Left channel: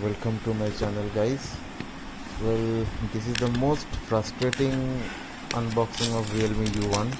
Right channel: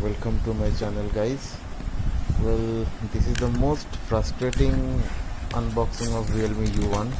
Welcome to my channel, guys. Well, this is the most frustrating unboxing of realme U1.